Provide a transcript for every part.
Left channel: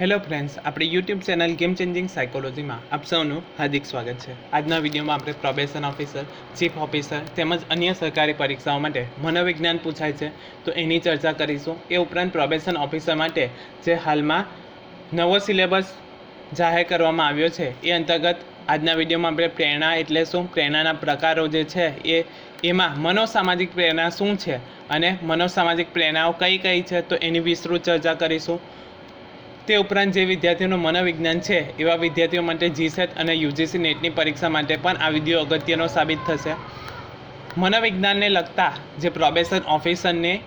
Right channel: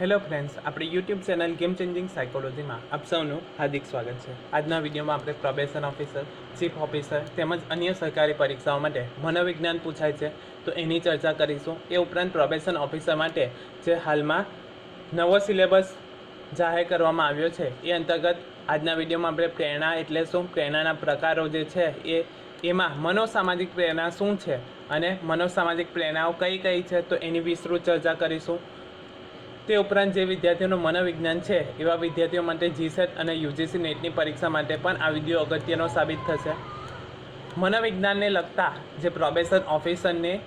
Hello friends આપણી YouTube channel game changing સાયકોલોજીમાં આપ સૌનું હાર્દિક સ્વાગત છે. આજના વિડીયોમાં આપણે પ્રોબેશન ઓફિસર ચીફ ઓફિસર તેમજ અન્ય સરકારી પરીક્ષાઓ માટે મનોવિજ્ઞાન પૂછાય છે. તો એની ચર્ચા કરીશું એ ઉપરાંત પ્રોબેશન ઓફિસર માટે જે હાલમાં નવો સિલેબસ જાહેર કરવામાં આવ્યો છે, એ અંતર્ગત આજના વિડીયોમાં આપણે પ્રેરણા એટલે શું? પ્રેરણાના પ્રકારો જે છે એ, એમાં મનોસામાજિક પ્રેરણા શું છે? અને મનોસામાજિક પ્રેરણાઓ કઈ કઈ છે? તો એની વિસ્તૃત ચર્ચા કરીશું. તે ઉપરાંત જે વિદ્યાર્થીઓનું મનોવિજ્ઞાન છે, એવા વિદ્યાર્થીઓ માટે જીસેટ અને યુજીસી નેટની પરીક્ષા માટે પણ આ વીડિયો અગત્યનો સાબિત થશે. મનોવિજ્ઞાનને લગતા જે પ્રોબેશન ઓફિસરની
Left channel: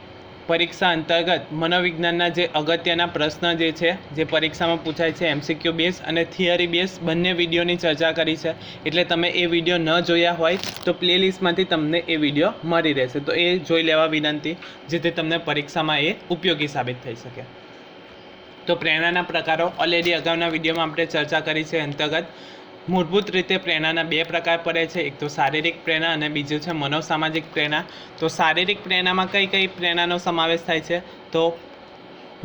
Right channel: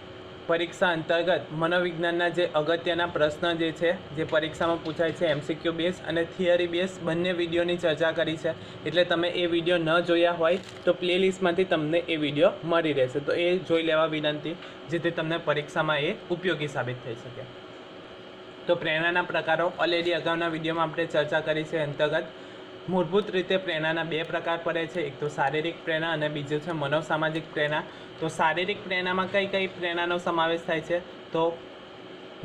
પરીક્ષા અંતર્ગત મનોવિજ્ઞાનના જે અગત્યના પ્રશ્ન જે છે, જે પરીક્ષામાં પૂછાય છે એમસીક્યુ બેઝ અને થિયરી બેઝ બંને વિડીયોની ચર્ચા કરી છે. એટલે તમે એ વીડિયો ન જોયા હોય તો પ્લેલિસ્ટમાંથી તમને એ વીડિયો મળી રહેશે. તો એ જોઈ લેવા વિનંતી, જેથી તમને પરીક્ષામાં એ ઉપયોગી સાબિત થઈ શકે. તો પ્રેરણાના પ્રકારો ઓલરેડી અગાઉના વિડીયોમાં આપણે ચર્ચા કરી છે અંતર્ગત. મૂળભૂત રીતે પ્રેરણાના બે પ્રકાર પડે છે. એક તો શારીરિક પ્રેરણા અને બીજું છે મનોસામાજિક પ્રેરણા. તો શારીરિક પ્રેરણામાં કઈ કઈ પ્રેરણાનો સમાવેશ થાય છે? તો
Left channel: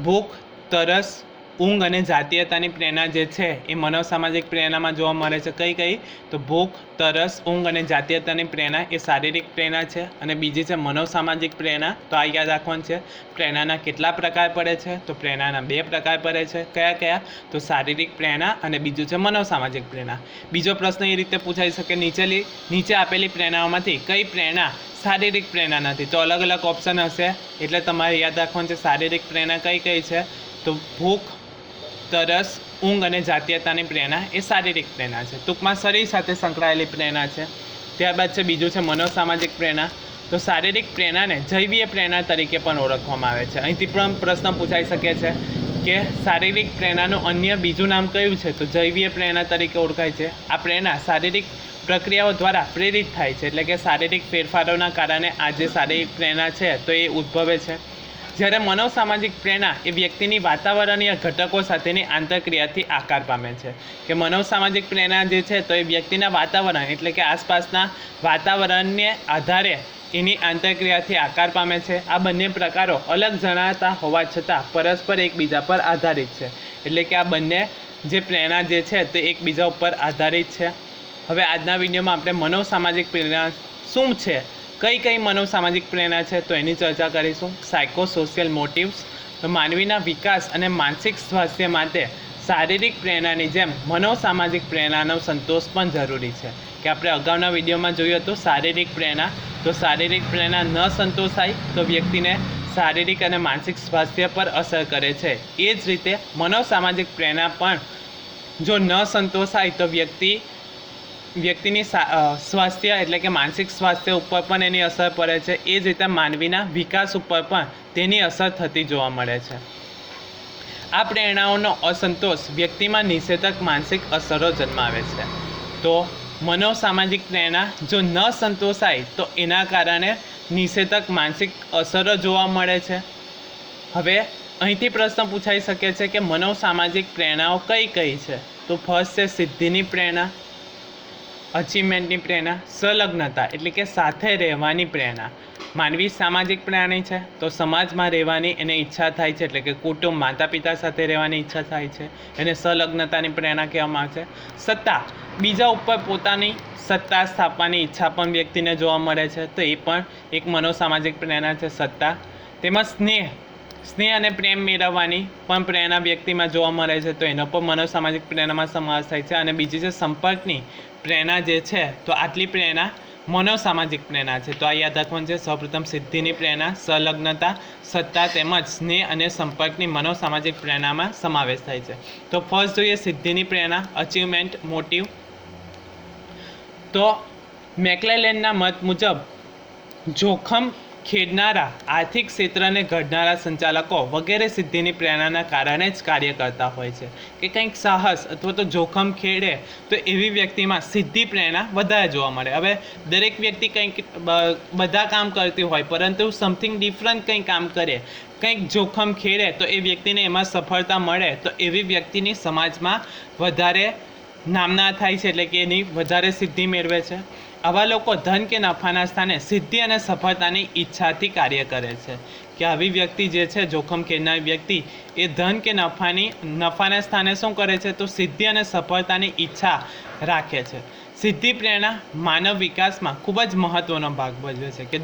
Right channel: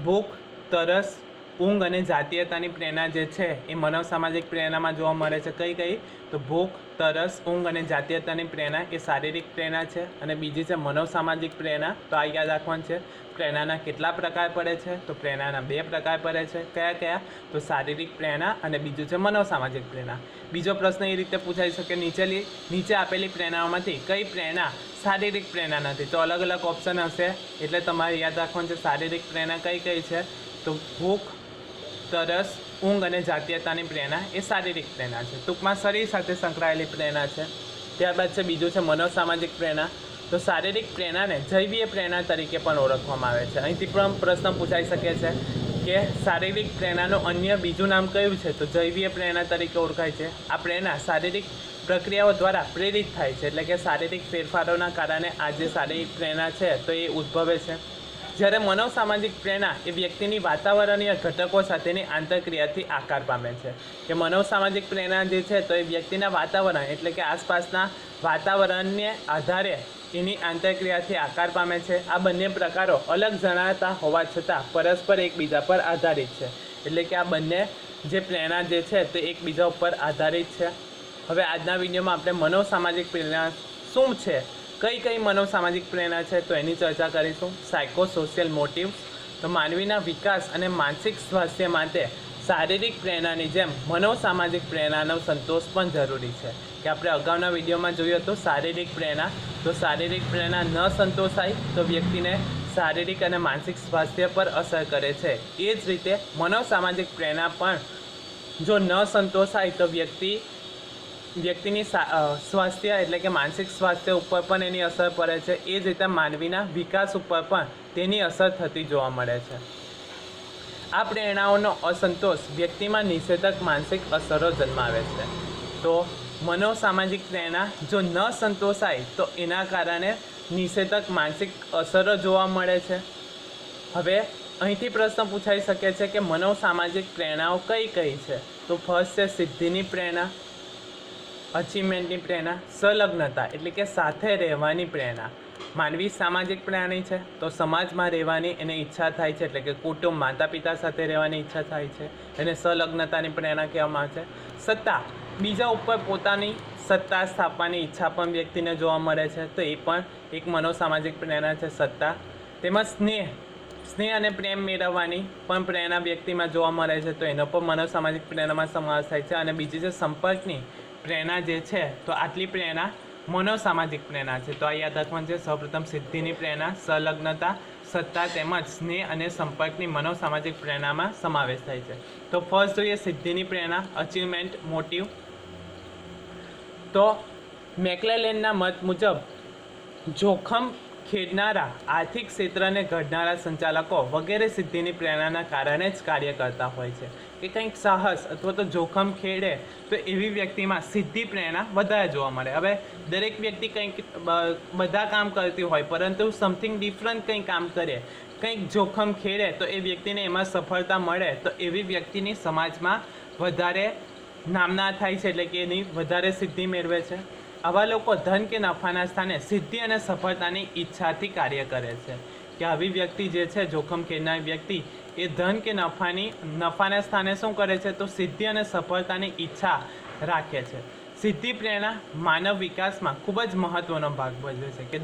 ભૂખ, તરસ ઊંઘ અને જાતીયતાની પ્રેરણા જે છે એ મનોસામાજિક પ્રેરણામાં જોવા મળે છે. કઈ કઈ? તો ભૂખ, તરસ, ઊંઘ અને જાતીયતાની પ્રેરણા એ શારીરિક પ્રેરણા છે અને બીજી છે મનોસામાજિક પ્રેરણા. તો આ યાદ રાખવાનું છે. પ્રેરણાના કેટલા પ્રકાર પડે છે? તો પ્રેરણાના બે પ્રકાર પડે છે. કયા કયા? તો શારીરિક પ્રેરણા અને બીજું છે મનોસામાજિક પ્રેરણા. બીજો પ્રશ્ન એ રીતે પૂછાઈ શકે, નીચેલી, નીચે આપેલી પ્રેરણાઓમાંથી કઈ પ્રેરણા શારીરિક પ્રેરણા નથી? તો અલગ અલગ ઓપ્શન હશે. એટલે તમારે યાદ રાખવાનું છે, શારીરિક પ્રેરણા કઈ કઈ છે? તો ભૂખ તરસ, ઊંઘ અને જાતીયતાની પ્રેરણા એ શારીરિક પ્રેરણા છે. ટૂંકમાં શરીર સાથે સંકળાયેલી પ્રેરણા છે. ત્યારબાદ છે બીજું છે મનોસામાજિક પ્રેરણા. તો શારીરિક પ્રેરણાને જૈવીય પ્રેરણા તરીકે પણ ઓળખવામાં આવે છે. અહીંથી પણ પ્રશ્ન પૂછાઈ શકે છે કે શારીરિક પ્રેરણાનું અન્ય બીજું નામ કયું છે? તો જૈવીય પ્રેરણા તરીકે ઓળખાય છે. આ પ્રેરણા શારીરિક પ્રક્રિયાઓ દ્વારા પ્રેરિત થાય છે. એટલે કે શારીરિક ફેરફારોના કારણે આ જે શારીરિક પ્રેરણા છે તો એ ઉદ્ભવે છે. જ્યારે મનોસામાજિક પ્રેરણા એ વ્યક્તિની વાતાવરણીય ઘટકો સાથેની આંતરક્રિયાથી આકાર પામે છે. કે મનોસામાજિક પ્રેરણા જે છે તો એ વ્યક્તિના વાતાવરણ એટલે કે આસપાસના વાતાવરણને આધારે એની આંતરક્રિયાથી આકાર પામે છે. આ બંને પ્રકારો અલગ જણાતા હોવા છતાં પરસ્પર એકબીજા પર આધારિત છે. એટલે કે આ બંને જે પ્રેરણા જે છે તે એકબીજા ઉપર આધારિત છે. હવે આજના વિડીયોમાં આપણે મનોસામાજિક પ્રેરણા શું છે કઈ કઈ મનોસામાજિક પ્રેરણા છે તો એની ચર્ચા કરીશું. સાયકોસોશિયલ મોટિવ્સ તો માનવીના વિકાસ અને માનસિક સ્વાસ્થ્ય માટે શારીરિક પ્રેરણાની જેમ મનોસામાજિક પ્રેરણાનો સંતોષ પણ જરૂરી છે. કે આપણે અગાઉના વિડીયોમાં જોયું હતું શારીરિક પ્રેરણા. તો શારીરિક પ્રેરણા ન સંતોષાય તો વ્યક્તિને શારીરિક અને માનસિક સ્વાસ્થ્ય પર અસર કરે છે. એ જ રીતે મનોસામાજિક પ્રેરણા પણ જો ન સંતોષાય તો વ્યક્તિ વ્યક્તિની સ્વાસ્થ્ય એટલે કે માનસિક સ્વાસ્થ્ય ઉપર પણ એની અસર પડે છે. એ જ રીતે માનવીના વિકાસ ઉપર પણ તેની અસર થતી જોવા મળે છે. આ પ્રેરણાઓનો અસંતોષ વ્યક્તિમાં નિષેધક માનસિક અસરો જન્માવે છે. તો મનોસામાજિક પ્રેરણા જો ન સંતોષાય, તો એના કારણે નિષેધક માનસિક અસરો જોવા મળે છે. હવે અહીંથી પ્રશ્ન પૂછાઈ શકે છે કે મનોસામાજિક પ્રેરણાઓ કઈ કઈ છે? તો ફર્સ્ટ છે સિદ્ધિની પ્રેરણા. અચીવમેન્ટની પ્રેરણા, સંલગ્નતા એટલે કે સાથે રહેવાની પ્રેરણા. માનવી સામાજિક પ્રાણી છે, તો સમાજમાં રહેવાની એને ઈચ્છા થાય છે, એટલે કે કુટુંબ માતા પિતા સાથે રહેવાની ઈચ્છા થાય છે, એને સંલગ્નતાની પ્રેરણા કહેવામાં આવે છે. સત્તા, બીજા ઉપર પોતાની સત્તા સ્થાપવાની ઈચ્છા પણ વ્યક્તિને જોવા મળે છે, તો એ પણ એક મનોસામાજિક પ્રેરણા છે સત્તા. તેમજ સ્નેહ સ્નેહ અને પ્રેમ મેળવવાની પણ પ્રેરણા વ્યક્તિમાં જોવા મળે છે, તો એનો પણ મનોસામાજિક પ્રેરણામાં સમાવેશ થાય છે. અને બીજી છે સંપર્કની પ્રેરણા જે છે, તો આટલી પ્રેરણા મનોસામાજિક પ્રેરણા છે. તો આ યાદ રાખવાનું છે, સૌપ્રથમ સિદ્ધિની પ્રેરણા, સંલગ્નતા, સત્તા તેમજ સ્નેહ અને સંપર્કની મનોસામાજિક પ્રેરણામાં સમાવેશ થાય છે. તો ફર્સ્ટ જોઈએ સિદ્ધિની પ્રેરણા અચીવમેન્ટ મોટિવ તો મેકલેલેનના મત મુજબ, જોખમ ખેડનારા, આર્થિક ક્ષેત્રને ઘડનારા સંચાલકો વગેરે સિદ્ધિની પ્રેરણાના કારણે જ કાર્ય કરતા હોય છે. કે કંઈક સાહસ અથવા તો જોખમ ખેડે, તો એવી વ્યક્તિમાં સિદ્ધિ પ્રેરણા વધારે જોવા મળે. હવે દરેક વ્યક્તિ કંઈક બધા કામ કરતી હોય, પરંતુ સમથિંગ ડિફરન્ટ કંઈ કામ કરે, કંઈક જોખમ ખેડે, તો એ વ્યક્તિને એમાં સફળતા મળે, તો એવી વ્યક્તિની સમાજમાં વધારે નામના થાય છે, એટલે કે એની વધારે સિદ્ધિ મેળવે છે. આવા લોકો ધન કે નફાના સ્થાને સિદ્ધિ અને સફળતાની ઈચ્છાથી કાર્ય કરે છે. કે આવી વ્યક્તિ જે છે, જોખમ ખેડનાર વ્યક્તિ, એ ધન કે નફાની, નફાના સ્થાને શું કરે છે? તો સિદ્ધિ અને સફળતાની ઈચ્છા રાખે છે. સિદ્ધિ પ્રેરણા માનવ વિકાસમાં ખૂબ જ મહત્ત્વનો ભાગ ભજવે છે. કે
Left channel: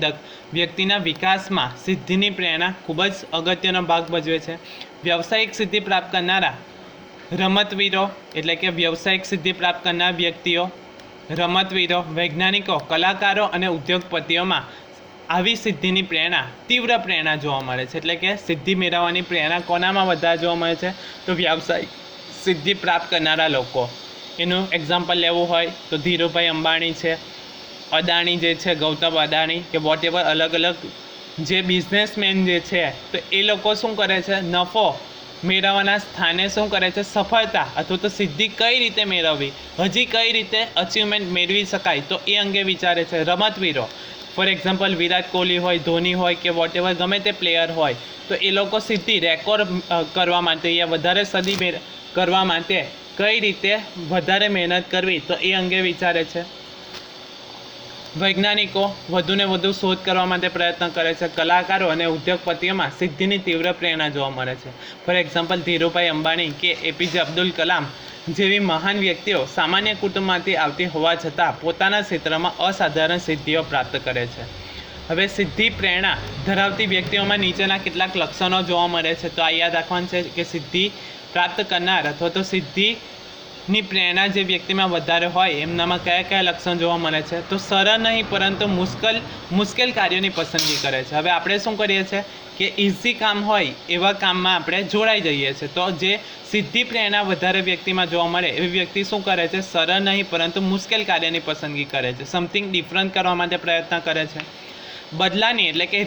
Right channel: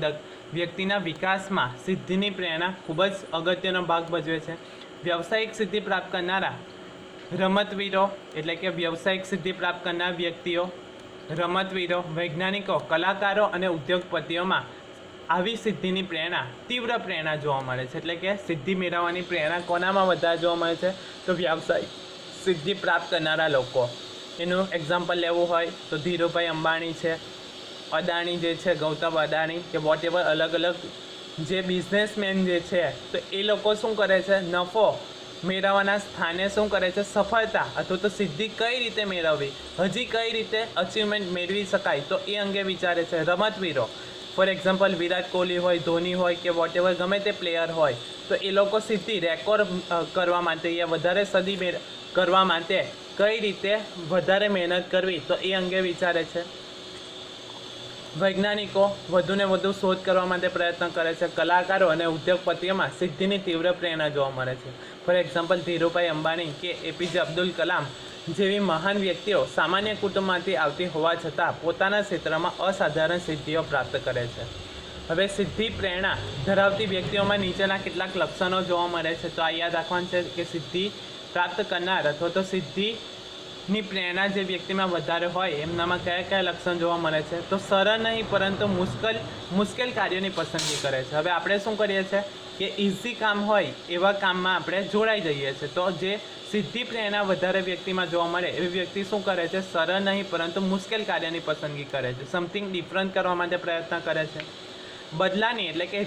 વ્યક્તિના વિકાસમાં સિદ્ધિની પ્રેરણા ખૂબ જ અગત્યનો ભાગ ભજવે છે. વ્યવસાયિક સિદ્ધિ પ્રાપ્ત કરનારા રમતવીરો, એટલે કે વ્યવસાયિક સિદ્ધિ પ્રાપ્ત કરનાર વ્યક્તિઓ રમતવીરો, વૈજ્ઞાનિકો, કલાકારો અને ઉદ્યોગપતિઓમાં આવી સિદ્ધિની પ્રેરણા, તીવ્ર પ્રેરણા જોવા મળે છે. એટલે કે સિદ્ધિ મેળવવાની પ્રેરણા કોનામાં વધારે જોવા મળે છે? તો વ્યવસાયિક સિદ્ધિ પ્રાપ્ત કરનારા લોકો. એનું એક્ઝામ્પલ લેવું હોય તો ધીરુભાઈ અંબાણી છે, અદાણી જે છે, ગૌતમ અદાણી કે વોટ એવર અલગ અલગ જે બિઝનેસમેન જે છે, તો એ લોકો શું કરે છે? નફો મેળવવાના સ્થાને શું કરે છે? સફળતા. અથવા તો સિદ્ધિ કઈ રીતે મેળવવી? હજી કઈ રીતે અચીવમેન્ટ મેળવી શકાય? તો એ અંગે વિચારે છે રમતવીરો. ફોર એક્ઝામ્પલ વિરાટ કોહલી હોય, ધોની હોય કે વોટ એવર ગમે તે પ્લેયર હોય, તો એ લોકો સિદ્ધિ રેકોર્ડ કરવા માટે યા વધારે સદી કરવા માટે કઈ રીતે વધારે મહેનત કરવી? તો એ અંગે વિચારે છે. વૈજ્ઞાનિકો વધુને વધુ શોધ કરવા માટે પ્રયત્ન કરે છે. કલાકારો અને ઉદ્યોગપતિઓમાં સિદ્ધિની તીવ્ર પ્રેરણા જોવા મળે છે. ફોર એક્ઝામ્પલ, ધીરુભાઈ અંબાણી કે એપીજે અબ્દુલ કલામ જેવી મહાન વ્યક્તિઓ સામાન્ય કુટુંબમાંથી આવતી હોવા છતાં પોતાના ક્ષેત્રમાં અસાધારણ સિદ્ધિઓ પ્રાપ્ત કરે છે. હવે સિદ્ધિ પ્રેરણા ધરાવતી વ્યક્તિઓમાં નીચેના કેટલાક લક્ષણો જોવા મળે છે. તો આ યાદ રાખવાનું છે કે સિદ્ધિ પ્રાપ્ત કરનાર અથવા તો સિદ્ધિની પ્રેરણા જે વ્યક્તિમાં વધારે હોય, એમનામાં કયા કયા લક્ષણ જોવા મળે છે? તો સરળ નહીં, પરંતુ મુશ્કેલ મુશ્કેલ કાર્યોની પસંદગી કરે છે. હવે આપણે શું કરીએ છીએ કે ઇઝી કામ હોય, એવા કામમાં આપણે જોડાઈ જઈએ છીએ. તો જે સિદ્ધિ પ્રેરણા વધારે વ્યક્તિમાં જોવા મળે, એવી વ્યક્તિ શું કરે છે? સરળ નહીં, પરંતુ મુશ્કેલ કાર્યની પસંદગી કરે છે. સમથિંગ ડિફરન્ટ કરવા માટે પ્રયત્ન કરે છે. બદલાની, એટલે કે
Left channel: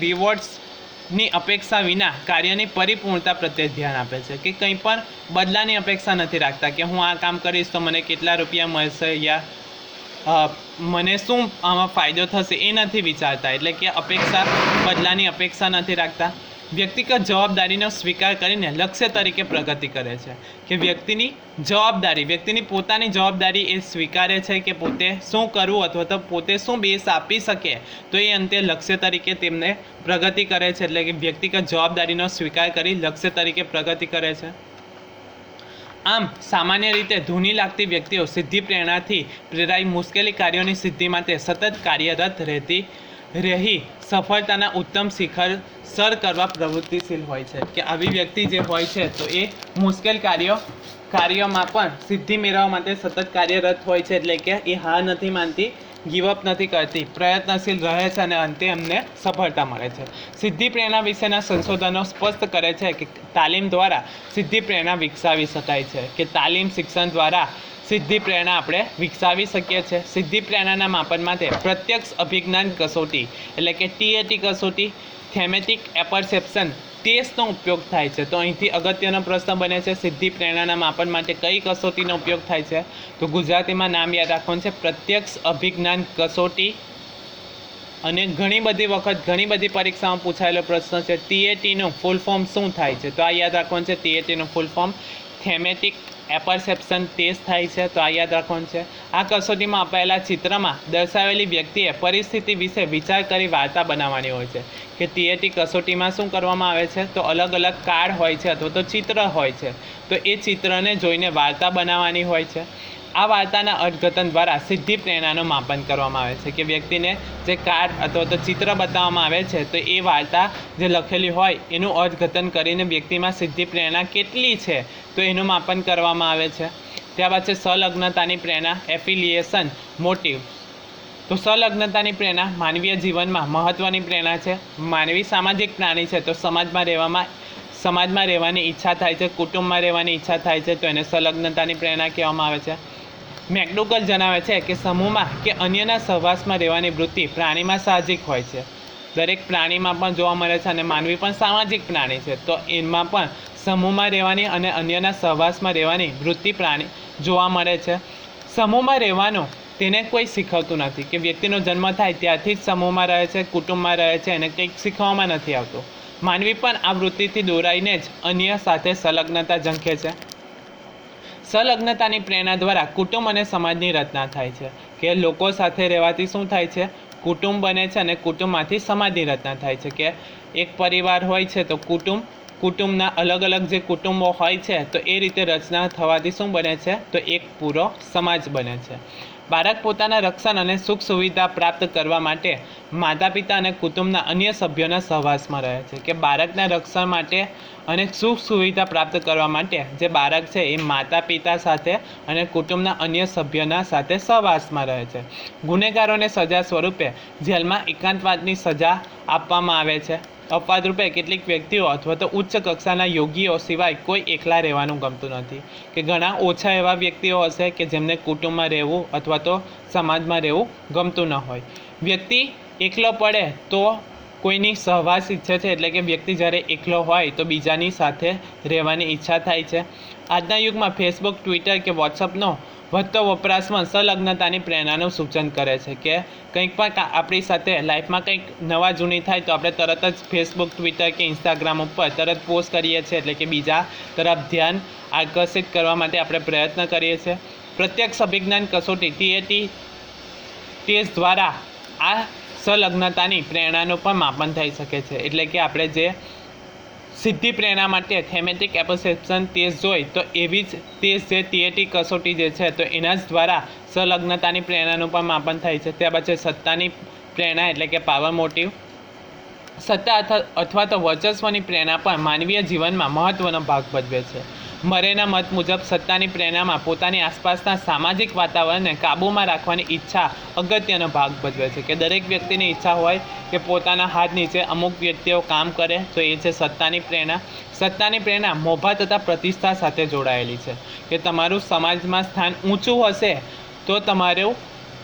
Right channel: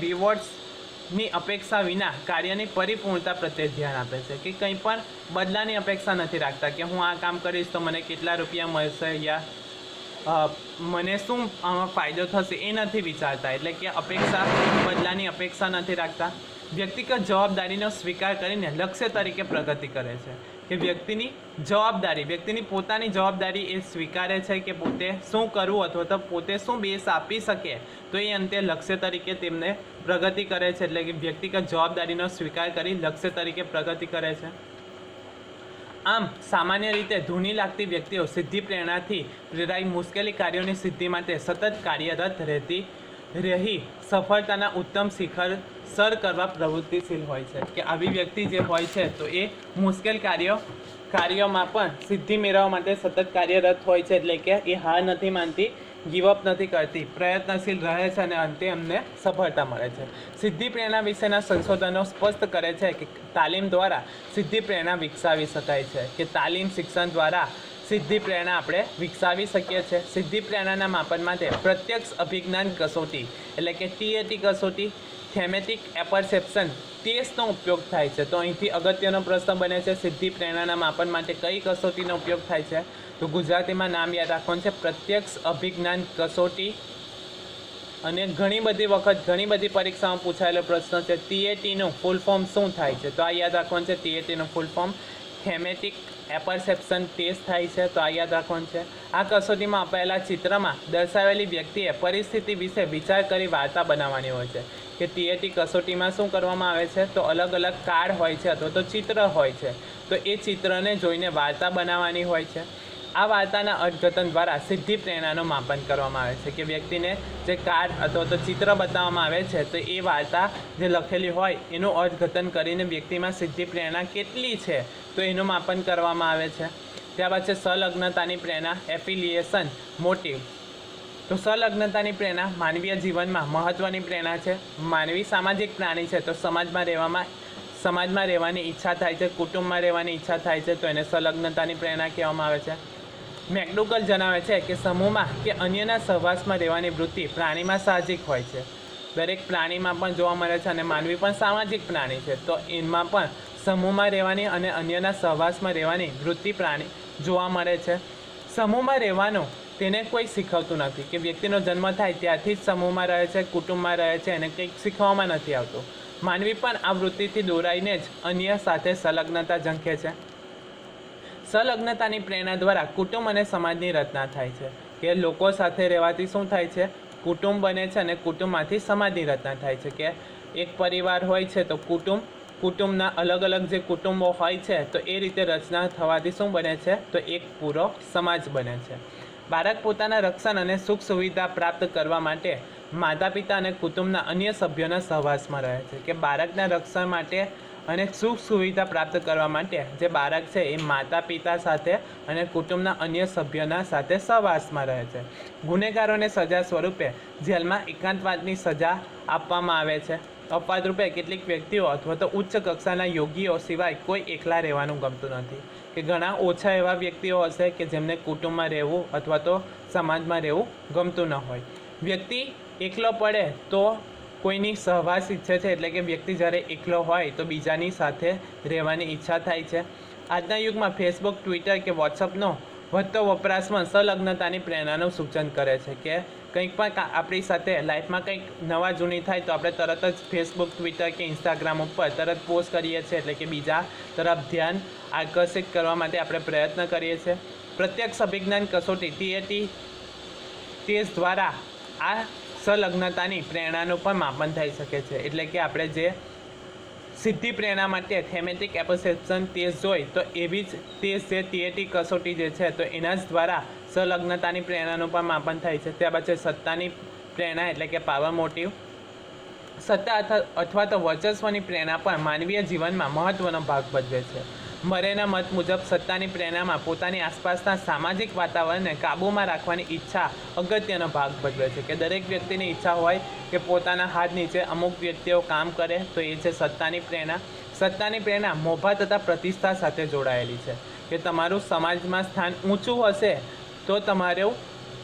રિવોર્ડ્સની અપેક્ષા વિના કાર્યની પરિપૂર્ણતા પ્રત્યે ધ્યાન આપે છે કે કંઈ પણ બદલાની અપેક્ષા નથી રાખતા કે હું આ કામ કરીશ તો મને કેટલા રૂપિયા મળશે યા મને શું આમાં ફાયદો થશે એ નથી વિચારતા. એટલે કે અપેક્ષા, બદલાની અપેક્ષા નથી રાખતા. વ્યક્તિગત જવાબદારીનો સ્વીકાર કરીને લક્ષ્ય તરીકે પ્રગતિ કરે છે. કે વ્યક્તિની જવાબદારી, વ્યક્તિની પોતાની જવાબદારી એ સ્વીકારે છે કે પોતે શું કરવું અથવા તો પોતે શું બેસ આપી શકે, તો એ અંતે લક્ષ્ય તરીકે તેમને પ્રગતિ કરે છે. એટલે કે વ્યક્તિગત જવાબદારીનો સ્વીકાર કરી લક્ષ્ય તરીકે પ્રગતિ કરે છે. આમ, સામાન્ય રીતે ધૂની લાગતી વ્યક્તિઓ સિદ્ધિ પ્રેરણાથી પ્રેરાઈ મુશ્કેલી કાર્યોની સિદ્ધિ માટે સતત કાર્યરત રહેતી રહી સફળતાના ઉત્તમ શિખર સર કરવા પ્રવૃત્તિશીલ હોય છે કે આવી વ્યક્તિ જે હોય છે, તો એ મુશ્કેલ કાર્યો, કાર્યોમાં પણ સિદ્ધિ મેળવવા માટે સતત કાર્યરત હોય છે, એટલે કે એ હા નથી માનતી ગીવઅપ નથી કરતી, પ્રયત્નશીલ રહે છે અને અંતે એમને સફળતા મળે છે. સિદ્ધિ પ્રેરણા વિશેના સંશોધનો સ્પષ્ટ કરે છે કે તાલીમ દ્વારા સિદ્ધિ પ્રેરણા વિકસાવી શકાય છે, કે તાલીમ શિક્ષણ દ્વારા સિદ્ધિ પ્રેરણા આપણે વિકસાવી શકીએ છીએ. સિદ્ધિ પ્રેરણાના માપન માટે પ્રત્યક્ષ અભિજ્ઞાન કસોટી, એટલે કે ટીએટી કસોટી થેમેટિક એપરસેપ્શન ટેસ્ટનો ઉપયોગ થાય છે. તો અહીંથી અગત્યનો પ્રશ્ન બને છે, સિદ્ધિ પ્રેરણાના માપન માટે કઈ કસોટીનો ઉપયોગ થાય છે? તો ગુજરાતીમાં નામ યાદ રાખવાનું છે, પ્રત્યક્ષ અભિજ્ઞાન કસોટી. અને ઘણી બધી વખત, ઘણી બધી પરીક્ષામાં પૂછાયેલો પ્રશ્ન છે ટીએટીનું ફૂલ ફોર્મ શું થાય છે? તો આ યાદ રાખવાનું છે ટીએટીનું ફૂલ ફોર્મ થેમેટિક એપરસેપ્શન તેજ થાય છે, તો આ યાદ રાખવાનું છે. આ કસોટીમાં અપાયેલા ચિત્રમાં દર્શાવેલી વ્યક્તિએ પરિસ્થિતિ વિશે વિચાર કરી વાર્તા બનાવવાની હોય છે કે ટીએટી કસોટીમાં શું કરવામાં આવે છે, તો અલગ અલગ કાર્ડ હોય છે અથવા તો ચિત્ર હોય છે. તો એ ચિત્રને જોઈને વાર્તા બનાવવાની હોય છે. આ વાર્તાના અર્થઘટન દ્વારા સિદ્ધિ પ્રેરણાનું માપન કરવામાં આવે છે કે વ્યક્તિને જે કાર્ડ અથવા તો ચિત્ર બતાવવામાં આવે છે, તો એ વાર્તા જે લખેલી હોય એનું અર્થઘટન કરીને વ્યક્તિમાં સિદ્ધિ પ્રેરણા કેટલી છે, તો એનું માપન કરવામાં આવે છે. ત્યારબાદ છે સંલગ્નતાની પ્રેરણા, એફિલિએશન, મોટિવ. તો સંલગ્નતાની પ્રેરણા માનવીય જીવનમાં મહત્ત્વની પ્રેરણા છે. માનવી સામાજિક પ્રાણી છે, તો સમાજમાં રહેવામાં, સમાજમાં રહેવાની ઈચ્છા થાય છે, કુટુંબમાં રહેવાની ઈચ્છા થાય છે, તો એને સંલગ્નતાની પ્રેરણા કહેવામાં આવે છે. મેકડુગલ જણાવે છે કે સમૂહમાં કે અન્યના સહવાસમાં રહેવાની વૃત્તિ પ્રાણીમાં સાહજિક હોય છે. દરેક પ્રાણીમાં પણ જોવા મળે છે અને માનવી પણ સામાજિક પ્રાણી છે. તો એમાં પણ સમૂહમાં રહેવાની અને અન્યના સહવાસમાં રહેવાની વૃત્તિ પ્રાણી જોવા મળે છે. સમૂહમાં રહેવાનું તેને કોઈ શીખવતું નથી કે વ્યક્તિનો જન્મ થાય ત્યારથી જ સમૂહમાં રહે છે, કુટુંબમાં રહે છે એને કંઈક શીખવામાં નથી આવતું. માનવી પણ આ વૃત્તિથી દોરાઈને જ અન્ય સાથે સંલગ્નતા ઝંખે છે. સંલગ્નતાની પ્રેરણા દ્વારા કુટુંબ અને સમાજની રચના થાય છે. કે લોકો સાથે રહેવાથી શું થાય છે? કુટુંબ બને છે અને કુટુંબમાંથી સમાજની રચના થાય છે. કે એક પરિવાર હોય છે તો કુટુંબ, કુટુંબના અલગ અલગ જે કુટુંબો હોય છે તો એ રીતે રચના થવાથી શું બને છે? તો એક પૂરો સમાજ બને છે. બાળક પોતાના રક્ષણ અને સુખ સુવિધા પ્રાપ્ત કરવા માટે માતા પિતા અને કુટુંબના અન્ય સભ્યોના સહવાસમાં રહે છે. કે બાળકના રક્ષણ માટે અને સુખ સુવિધા પ્રાપ્ત કરવા માટે જે બાળક છે એ માતા પિતા સાથે અને કુટુંબના અન્ય સભ્યોના સાથે સહવાસમાં રહે છે. ગુનેગારોને સજા સ્વરૂપે જેલમાં એકાંતવાદની સજા આપવામાં આવે છે. અપવાદ રૂપે કેટલીક વ્યક્તિઓ અથવા તો ઉચ્ચ કક્ષાના યોગીઓ સિવાય કોઈ એકલા રહેવાનું ગમતું નથી. કે ઘણા ઓછા એવા વ્યક્તિઓ હશે કે જેમને કુટુંબમાં રહેવું અથવા તો સમાજમાં રહેવું ગમતું ન હોય. વ્યક્તિ એકલો પડે તો કોઈની સહવાસ ઈચ્છે છે એટલે કે વ્યક્તિ જ્યારે એકલો હોય તો બીજાની સાથે રહેવાની ઈચ્છા થાય છે. આજના યુગમાં ફેસબુક ટ્વિટર કે વોટ્સઅપનો વધતો વપરાશમાં સંલગ્નતાની પ્રેરણાનું સૂચન કરે છે કે કંઈક પણ આપણી સાથે લાઈફમાં કંઈક નવા જૂની થાય તો આપણે તરત જ ફેસબુક ટ્વિટર કે ઇન્સ્ટાગ્રામ ઉપર તરત પોસ્ટ કરીએ છીએ એટલે કે બીજા તરફ ધ્યાન આકર્ષિત કરવા માટે આપણે પ્રયત્ન કરીએ છીએ. પ્રત્યક્ષ અભિજ્ઞાન કસોટી ટીએટી ટેસ્ટ દ્વારા આ સંલગ્નતાની પ્રેરણાનું પણ માપન થઈ શકે છે. એટલે કે આપણે જે સિદ્ધિ પ્રેરણા માટે થેમેટિક એપોસેપ્શન ટેસ્ટ જોઈ તો એવી જ ટેસ્ટ જે ટીએટી કસોટી જે છે, તો એના જ દ્વારા સંલગ્નતાની પ્રેરણાનું પણ માપન થાય છે. ત્યારબાદ છે સત્તાની પ્રેરણા એટલે કે પાવર મોટિવ સત્તા અથવા તો વર્ચસ્વની પ્રેરણા પણ માનવીય જીવનમાં મહત્ત્વનો ભાગ ભજવે છે. મરેના મત મુજબ સત્તાની પ્રેરણામાં પોતાની આસપાસના સામાજિક વાતાવરણને કાબૂમાં રાખવાની ઈચ્છા અગત્યનો ભાગ ભજવે છે કે દરેક વ્યક્તિની ઈચ્છા હોય કે પોતાના હાથ નીચે અમુક વ્યક્તિઓ કામ કરે, તો એ છે સત્તાની પ્રેરણા. સત્તાની પ્રેરણા મોભા તથા પ્રતિષ્ઠા સાથે જોડાયેલી છે. કે તમારું સમાજમાં સ્થાન ઊંચું હશે, તો તમારું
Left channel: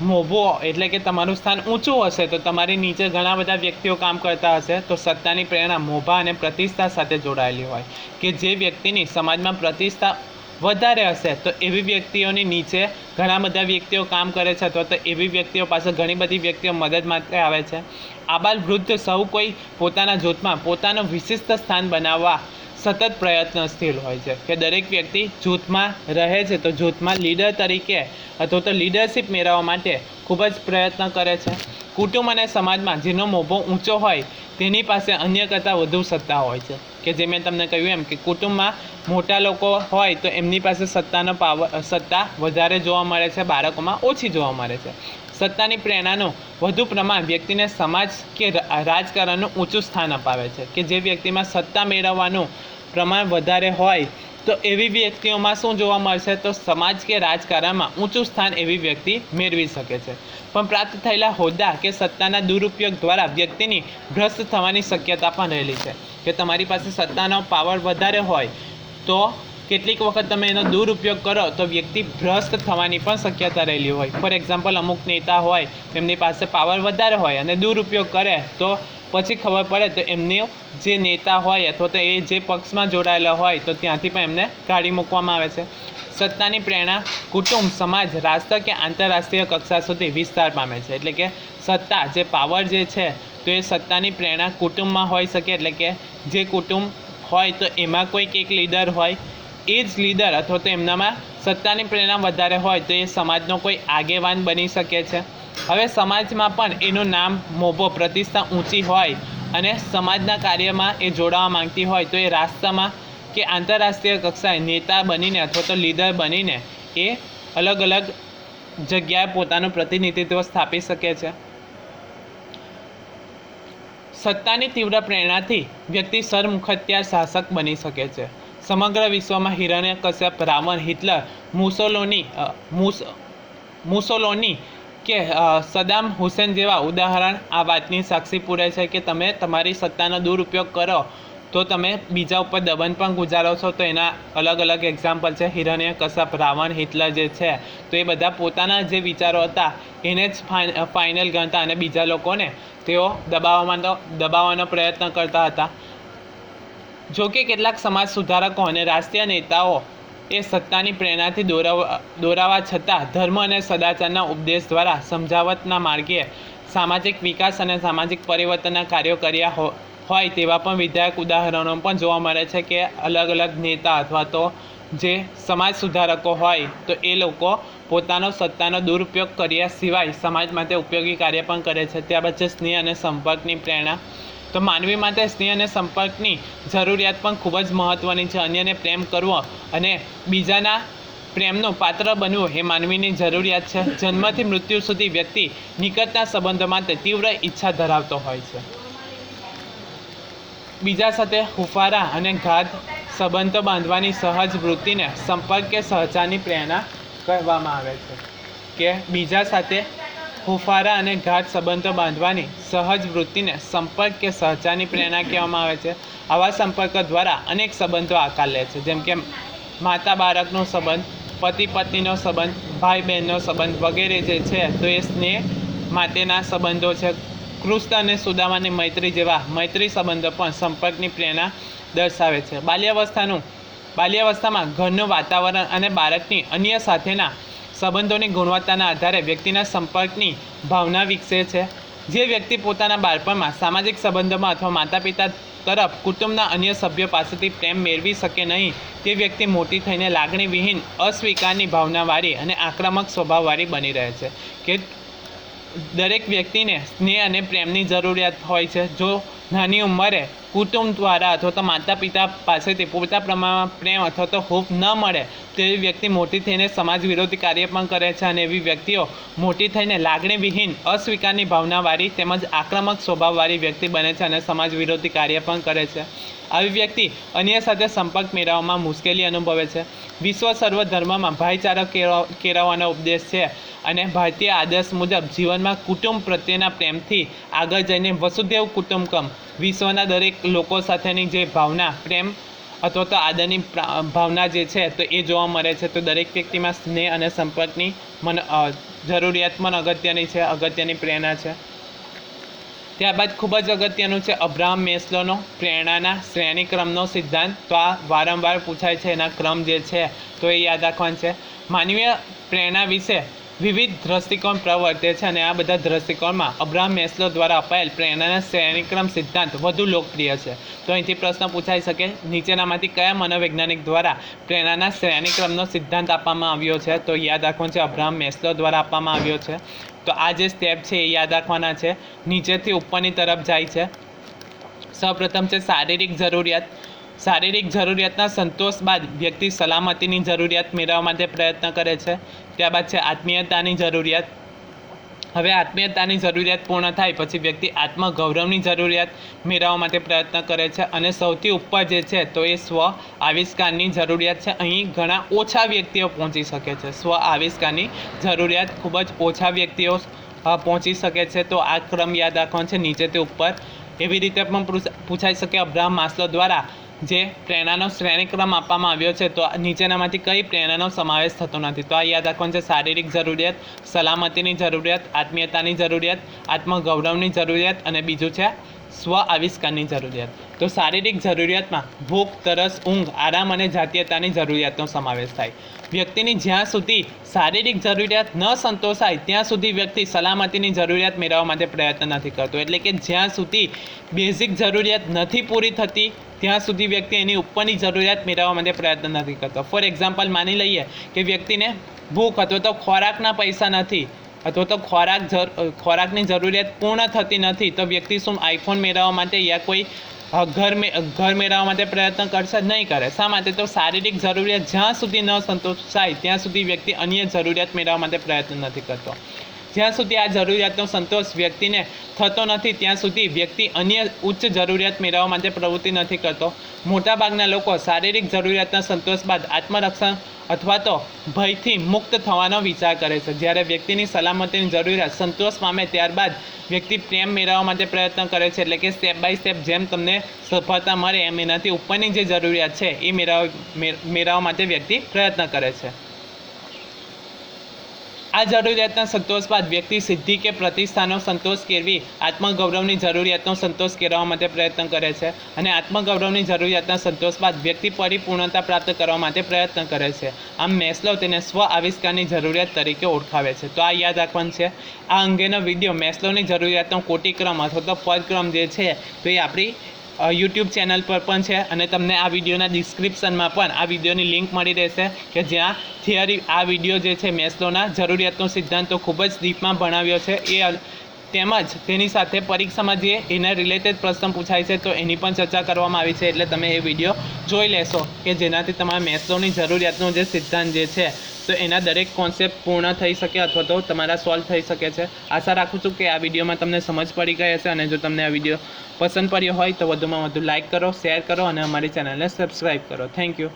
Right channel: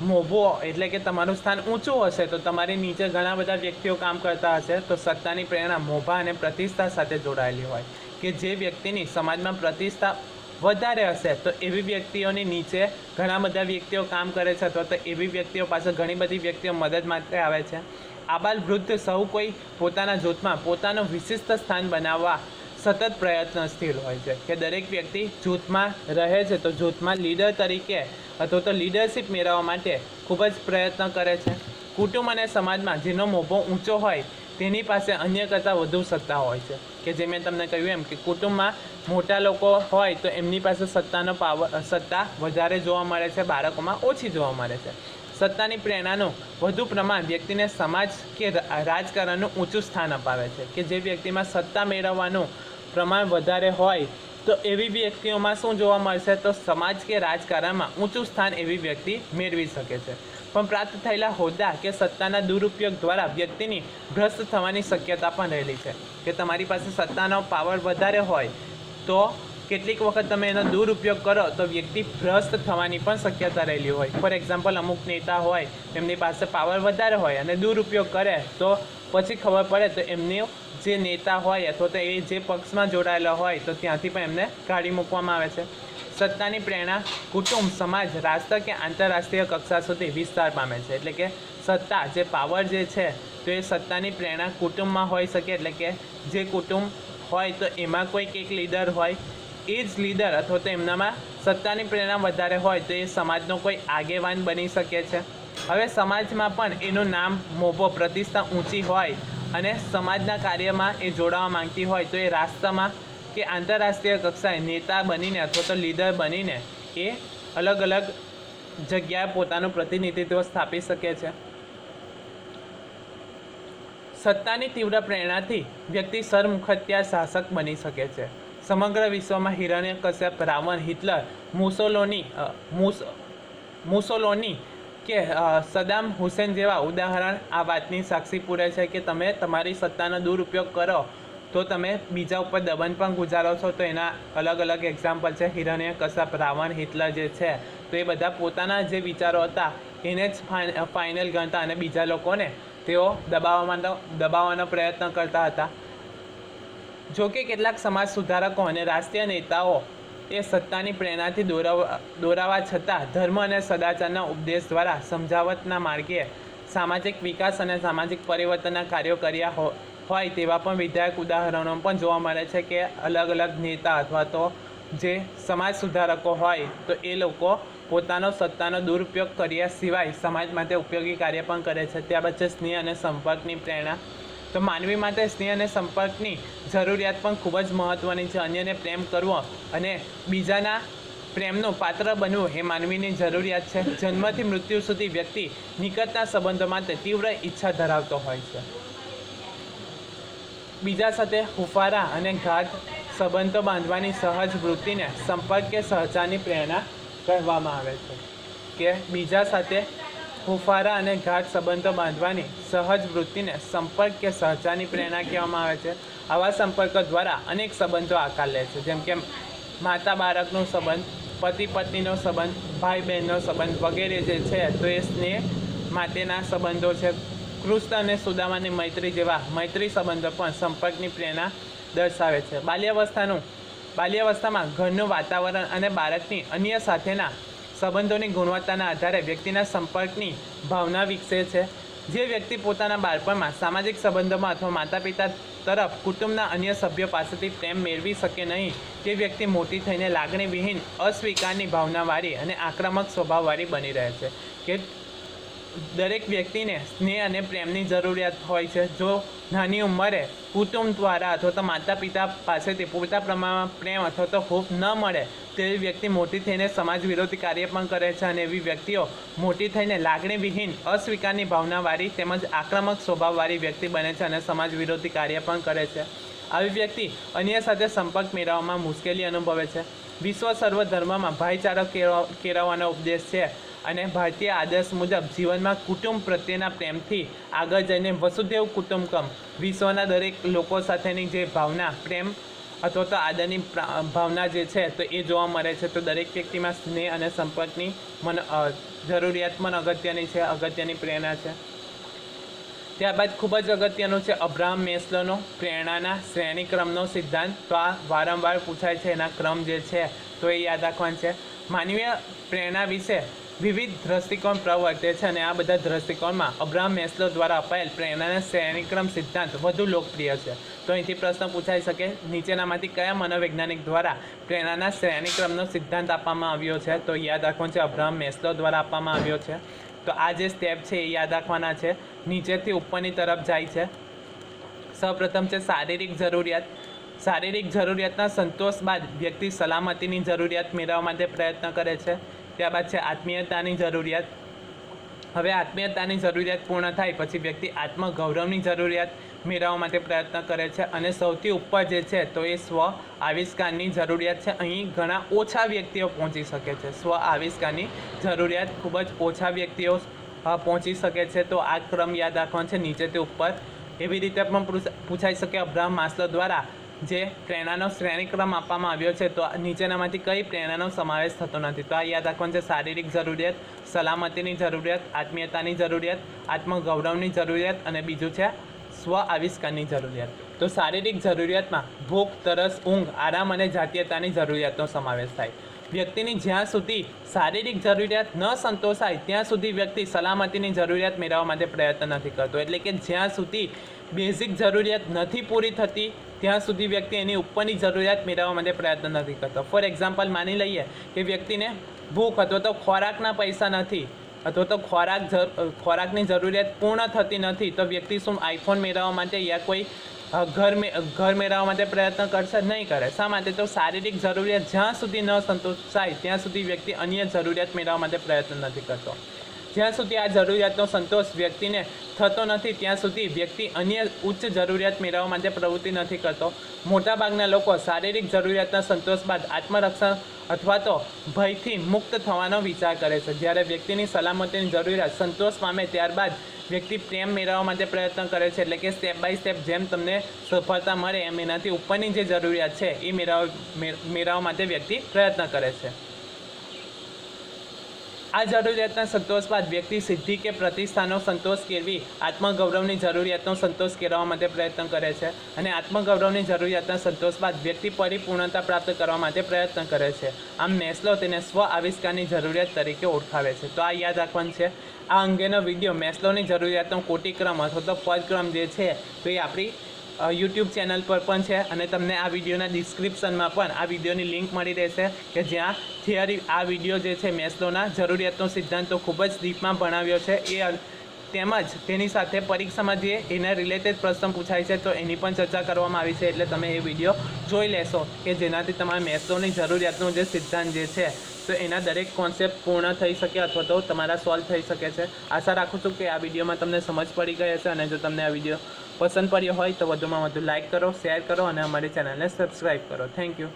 મોભો એટલે કે તમારું સ્થાન ઊંચું હશે તો તમારી નીચે ઘણા બધા વ્યક્તિઓ કામ કરતા હશે, તો સત્તાની પ્રેરણા મોભા અને પ્રતિષ્ઠા સાથે જોડાયેલી હોય. કે જે વ્યક્તિની સમાજમાં પ્રતિષ્ઠા વધારે હશે, તો એવી વ્યક્તિઓની નીચે ઘણા બધા વ્યક્તિઓ કામ કરે છે, અથવા તો એવી વ્યક્તિઓ પાસે ઘણી બધી વ્યક્તિઓ મદદ માટે આવે છે. આબાલ વૃદ્ધ સૌ કોઈ પોતાના જૂથમાં પોતાનું વિશિષ્ટ સ્થાન બનાવવા સતત પ્રયત્નશીલ હોય છે. કે દરેક વ્યક્તિ જૂથમાં રહે છે, તો જૂથમાં લીડર તરીકે અથવા તો લીડરશિપ મેળવવા માટે ખૂબ જ પ્રયત્ન કરે છે. કુટુંબ અને સમાજમાં જેનો મોભો ઊંચો હોય, તેની પાસે અન્ય કરતાં વધુ સત્તા હોય છે. કે જે મેં તમને કહ્યું એમ કે કુટુંબમાં મોટા લોકો હોય તો એમની પાસે સત્તાનો પાવર સત્તા વધારે જોવા મળે છે, બાળકોમાં ઓછી જોવા મળે છે. સત્તાની પ્રેરણાનું વધુ પ્રમાણ વ્યક્તિને સમાજ કે રાજકારણનું ઊંચું સ્થાન અપાવે છે. કે જે વ્યક્તિમાં સત્તા મેળવવાનું પ્રમાણ વધારે હોય તો એવી વ્યક્તિઓમાં શું જોવા મળશે? તો સમાજ કે રાજકારણમાં ઊંચું સ્થાન એવી વ્યક્તિ મેળવી શકે છે. પણ પ્રાપ્ત થયેલા હોદ્દા કે સત્તાના દુરુપયોગ દ્વારા વ્યક્તિની ભ્રષ્ટ થવાની શક્યતા પણ રહેલી છે. કે તમારી પાસે સત્તાનો પાવર વધારે હોય, તો કેટલીક વખત તમે એનો દુરુપયોગ કરો, તો વ્યક્તિ ભ્રષ્ટ થવાની પણ શક્યતા રહેલી હોય. ફોર એક્ઝામ્પલ અમુક નેતા હોય, તેમની પાસે પાવર વધારે હોય અને દુરુપયોગ કરે, તો પછી ખબર પડે તો એમની જે નેતા હોય અથવા તો એ જે પક્ષમાં જોડાયેલા હોય, તો ત્યાંથી પણ એમને કાઢી મૂકવામાં આવે છે. સત્તાની પ્રેરણા કુટુંબ, સમાજ, રાષ્ટ્ર કે આંતરરાષ્ટ્રીય કક્ષા સુધી વિસ્તાર પામે છે. એટલે કે સત્તા, જે પાવર જે છે, તો એ સત્તાની પ્રેરણા કુટુંબમાં હોઈ શકે. એટલે કે જે કુટુંબ હોય, તો એમાં કોઈક એક લીડર હોય, એ જ લીડર અથવા તો એમનામાં સત્તાની પ્રેરણા વધારે હોય, તો એ સમાજનો કોઈ આગેવાન બની શકે છે. હવે સમાજમાં પણ એનું નામ મોભો, પ્રતિષ્ઠા ઊંચી હોય અને સમાજના કાર્યમાં એ જોડાવા માંગતી હોય તો એ રાષ્ટ્રમાં કે આંતરરાષ્ટ્રીય કક્ષાએ નેતા બનીને અથવા તો લીડર બનીને એ અલગ અલગ જગ્યાએ પોતાનું પ્રતિનિધિત્વ સ્થાપી શકે છે. સત્તાની તીવ્ર પ્રેરણાથી વ્યક્તિ સરમુખત્યાર શાસક બની શકે છે. સમગ્ર વિશ્વમાં હિરણ્યકશ્યપ, રાવણ, હિટલર, મુસોલોની મુસ, મુસોલોની કે સદામ હુસેન જેવા ઉદાહરણ આ વાતની સાક્ષી પૂરે છે કે તમે તમારી સત્તાનો દુરુપયોગ કરો તો તમે બીજા ઉપર દબન પણ ગુજારો છો. તો એના અલગ અલગ એક્ઝામ્પલ છે. હિરણ્ય કશ્યપ, રાવણ, હિટલર જે છે, તો એ બધા પોતાના જે વિચારો હતા, એને જ ફાઇનલ ગણતા અને બીજા લોકોને તેઓ દબાવવાનો દબાવવાનો પ્રયત્ન કરતા હતા. જો કે કેટલાક સમાજ સુધારકો અને રાષ્ટ્રીય નેતાઓ એ સત્તાની પ્રેરણાથી દોરાવા દોરાવા છતાં ધર્મ અને સદાચારના ઉપદેશ દ્વારા સમજાવટના માર્ગે સામાજિક વિકાસ અને સામાજિક પરિવર્તનના કાર્યો કર્યા હો- હોય તેવા પણ વિધાયક ઉદાહરણો પણ જોવા મળે છે કે અલગ અલગ નેતા અથવા તો જે સમાજ સુધારકો હોય તો એ લોકો પોતાનો સત્તાનો દુરુપયોગ કર્યા સિવાય સમાજ માટે ઉપયોગી કાર્ય પણ કરે છે. ત્યારબાદ છે સ્નેહ અને સંપર્કની પ્રેરણા તો માનવી માટે સ્નેહ અને સંપર્કની જરૂરિયાત પણ ખૂબ જ મહત્ત્વની છે. અન્યને પ્રેમ કરવો અને બીજાના પ્રેમનું પાત્ર બનવું એ માનવીની જરૂરિયાત છે. જન્મથી મૃત્યુ સુધી વ્યક્તિ નિકટના સંબંધો માટે તીવ્ર ઈચ્છા ધરાવતો હોય છે. બીજા સાથે હુફારા અને ઘાત સંબંધો બાંધવાની સહજ વૃત્તિને સંપર્ક કે સહજાની પ્રેરણા કહેવામાં આવે છે કે બીજા સાથે હુફારા અને ઘાટ સંબંધો બાંધવાની સહજ વૃત્તિને સંપર્ક કે સહજાની પ્રેરણા કહેવામાં આવે છે. આવા સંપર્કો દ્વારા અનેક સંબંધો આકાર લે છે. જેમ કે માતા બાળકનો સંબંધ, પતિ પત્નીનો સંબંધ, ભાઈ બહેનનો સંબંધ વગેરે જે છે, તો એ સ્નેહ માટેના સંબંધો છે. કૃષ્ણ અને સુદામાની મૈત્રી જેવા મૈત્રી સંબંધો પણ સંપર્કની પ્રેરણા દર્શાવે છે. બાલ્યાવસ્થાનું, બાલ્યાવસ્થામાં ઘરનું વાતાવરણ અને બાળકની અન્ય સાથેના સંબંધોની ગુણવત્તાના આધારે વ્યક્તિના સંપર્કની ભાવના વિકસે છે. જે વ્યક્તિ પોતાના બાળપણમાં સામાજિક સંબંધોમાં અથવા માતા પિતા તરફ કુટુંબના અન્ય સભ્યો પાસેથી પ્રેમ મેળવી શકે નહીં, તે વ્યક્તિ મોટી થઈને લાગણીવિહીન, અસ્વીકારની ભાવનાવાળી અને આક્રમક સ્વભાવવાળી બની રહે છે. કે દરેક વ્યક્તિને સ્નેહ અને પ્રેમની જરૂરિયાત હોય છે. જો નાની ઉંમરે કુટુંબ દ્વારા અથવા તો માતા પિતા પાસેથી પૂરતા પ્રમાણમાં પ્રેમ અથવા તો હૂફ ન મળે તેવી વ્યક્તિ મોટી થઈને સમાજ વિરોધી કાર્ય પણ કરે છે અને એવી વ્યક્તિઓ મોટી થઈને લાગણીવિહીન, અસ્વીકારની ભાવનાવાળી તેમજ આક્રમક સ્વભાવવાળી વ્યક્તિ બને છે અને સમાજ વિરોધી કાર્ય પણ કરે છે. આવી વ્યક્તિ અન્ય સાથે સંપર્ક મેળવવામાં મુશ્કેલી અનુભવે છે. વિશ્વ સર્વ ધર્મમાં ભાઈચારો કેળવવાનો ઉપદેશ છે. અને ભારતીય આદર્શ મુજબ જીવનમાં કુટુંબ પ્રત્યેના પ્રેમથી આગળ જઈને વસુદેવ કુટુંબકમ, વિશ્વના દરેક લોકો સાથેની જે ભાવના, પ્રેમ અથવા તો આદરની ભાવના જે છે તો એ જોવા મળે છે. તો દરેક વ્યક્તિમાં સ્નેહ અને સંપર્કની મન જરૂરિયાત પણ અગત્યની છે, અગત્યની પ્રેરણા છે. ત્યારબાદ ખૂબ જ અગત્યનું છે અબ્રાહમ મેસ્લોનો પ્રેરણાના શ્રેણી ક્રમનો સિદ્ધાંત. તો આ વારંવાર પૂછાય છે એના ક્રમ જે છે તો એ યાદ રાખવાનું છે. માનવીય પ્રેરણા વિશે વિવિધ દ્રષ્ટિકોણ પ્રવર્તે છે અને આ બધા દ્રષ્ટિકોણમાં અબ્રાહમ મેસ્લો દ્વારા અપાયેલ પ્રેરણાના શ્રેણીક્રમ સિદ્ધાંત વધુ લોકપ્રિય છે. તો અહીંથી પ્રશ્ન પૂછાઈ શકે, નીચેનામાંથી કયા મનોવૈજ્ઞાનિક દ્વારા પ્રેરણાના શ્રેણીક્રમનો સિદ્ધાંત આપવામાં આવ્યો છે? તો યાદ રાખવાનું છે, અબ્રાહમ મેસ્લો દ્વારા આપવામાં આવ્યો છે. તો આ જે સ્ટેપ છે એ યાદ રાખવાના છે. નીચેથી ઉપરની તરફ જાય છે. સૌપ્રથમ છે શારીરિક જરૂરિયાત. શારીરિક જરૂરિયાતના સંતોષ બાદ વ્યક્તિ સલામતીની જરૂરિયાત મેળવવા માટે પ્રયત્ન કરે છે. ત્યારબાદ છે આત્મીયતાની જરૂરિયાત. હવે આત્મીયતાની જરૂરિયાત પૂર્ણ થાય પછી વ્યક્તિ આત્મગૌરવની જરૂરિયાત મેળવવા માટે પ્રયત્ન કરે છે અને સૌથી ઉપર જે છે તો એ સ્વ આવિષ્કારની જરૂરિયાત છે. અહીં ઘણા ઓછા વ્યક્તિઓ પહોંચી શકે છે. સ્વ આવિષ્કારની જરૂરિયાત ખૂબ જ ઓછા વ્યક્તિઓ પહોંચી શકે છે. તો આ ક્રમ યાદ રાખવાનો છે. નીચેથી ઉપર એવી રીતે પણ પૂછાઈ શકે અબ્રાહમ માસ્લો દ્વારા જે પ્રેરણાનો શ્રેણીક્રમ આપવામાં આવ્યો છે, તો નીચેનામાંથી કઈ પ્રેરણાનો સમાવેશ થતો નથી? તો આ યાદ રાખવાનું છે, શારીરિક જરૂરિયાત, સલામતીની જરૂરિયાત, આત્મીયતાની જરૂરિયાત, આત્મગૌરવની જરૂરિયાત અને બીજું છે સ્વ આવિષ્કારની જરૂરિયાત. તો શારીરિક જરૂરિયાતમાં ભૂખ, તરસ, ઊંઘ, આરામ અને જાતીયતાની જરૂરિયાતનો સમાવેશ થાય. વ્યક્તિની જ્યાં સુધી શારીરિક જરૂરિયાત ન સંતોષાય, ત્યાં સુધી વ્યક્તિ સલામતીની જરૂરિયાત મેળવવા માટે પ્રયત્ન નથી કરતો. એટલે કે જ્યાં સુધી બેઝિક જરૂરિયાત નથી પૂરી થતી, ત્યાં સુધી વ્યક્તિ એની ઉપરની જરૂરિયાત મેળવવા માટે પ્રયત્ન નથી કરતો. ફોર એક્ઝામ્પલ માની લઈએ કે વ્યક્તિને ભૂખ અથવા તો ખોરાકના પૈસા નથી અથવા તો ખોરાક ખોરાકની જરૂરિયાત પૂર્ણ થતી નથી. તો વ્યક્તિ શું આઈફોન મેળવવા માટે યા કોઈ ઘર ઘર મેળવવા માટે પ્રયત્ન કરશે? નહીં કરે. શા માટે? તો શારીરિક જરૂરિયાત જ્યાં સુધી ન સંતોષાય, ત્યાં સુધી વ્યક્તિ અન્ય જરૂરિયાત મેળવવા માટે પ્રયત્ન નથી કરતો. જ્યાં સુધી આ જરૂરિયાતનો સંતોષ વ્યક્તિને થતો નથી, ત્યાં સુધી વ્યક્તિ અન્ય ઉચ્ચ જરૂરિયાત મેળવવા માટે પ્રવૃત્તિ નથી કરતો. મોટાભાગના લોકો શારીરિક જરૂરિયાતના સંતોષ બાદ આત્મરક્ષણ અથવા તો ભયથી મુક્ત થવાનો વિચાર કરે છે. જ્યારે વ્યક્તિની સલામતીની જરૂરિયાત સંતોષ પામે ત્યારબાદ વ્યક્તિ પ્રેમ મેળવવા માટે પ્રયત્ન કરે છે, એટલે કે સ્ટેપ બાય સ્ટેપ જેમ તમને સફળતા મળે એમ એનાથી ઉપરની જે જરૂરિયાત છે, એ મેળવવા મેળવવા માટે વ્યક્તિ પ્રયત્ન કરે છે. આ જરૂરિયાતના સંતોષ બાદ વ્યક્તિ સિદ્ધિ કે પ્રતિષ્ઠાનો સંતોષ કેળવી આત્મગૌરવની જરૂરિયાતનો સંતોષ કેળવવા માટે પ્રયત્ન કરે છે અને આત્મગૌરવની જરૂરિયાતના સંતોષ બાદ વ્યક્તિ પરિપૂર્ણતા પ્રાપ્ત કરવા માટે પ્રયત્ન કરે છે. આમ મેસ્લો તેને સ્વ આવિષ્કારની જરૂરિયાત તરીકે ઓળખાવે છે. તો આ યાદ રાખવાનું છે. આ અંગેનો વીડિયો મેસ્લોની જરૂરિયાતનો કોટિક્રમ અથવા તો પદક્રમ જે છે તો એ આપણી યુટ્યુબ ચેનલ પર પણ છે અને તમને આ વિડીયોના ડિસ્ક્રિપ્શનમાં પણ આ વિડીયોની લિંક મળી રહેશે કે જ્યાં થિયરી આ વીડિયો જે છે મેસ્લોના જરૂરિયાતનો સિદ્ધાંતો ખૂબ જ ડીપમાં ભણાવ્યો છે. એ તેમજ તેની સાથે પરીક્ષામાં જે એના રિલેટેડ પ્રશ્ન પૂછાય છે તો એની પણ ચર્ચા કરવામાં આવી છે એટલે તમે એ વીડિયો જોઈ લેશો કે જેનાથી તમારા મેસ્લોની જરૂરિયાતનો જે સિદ્ધાંત જે છે તો એના દરેક કોન્સેપ્ટ પૂર્ણ થઈ શકે અથવા તો તમારા સોલ્વ થઈ શકે છે. આશા રાખું છું કે આ વિડીયોમાં તમને સમજ પડી ગઈ હશે અને જો તમને આ વીડિયો પસંદ પડ્યો હોય તો વધુમાં વધુ લાઇક કરો શેર કરો અને અમારી ચેનલને સબસ્ક્રાઈબ કરો. Thank you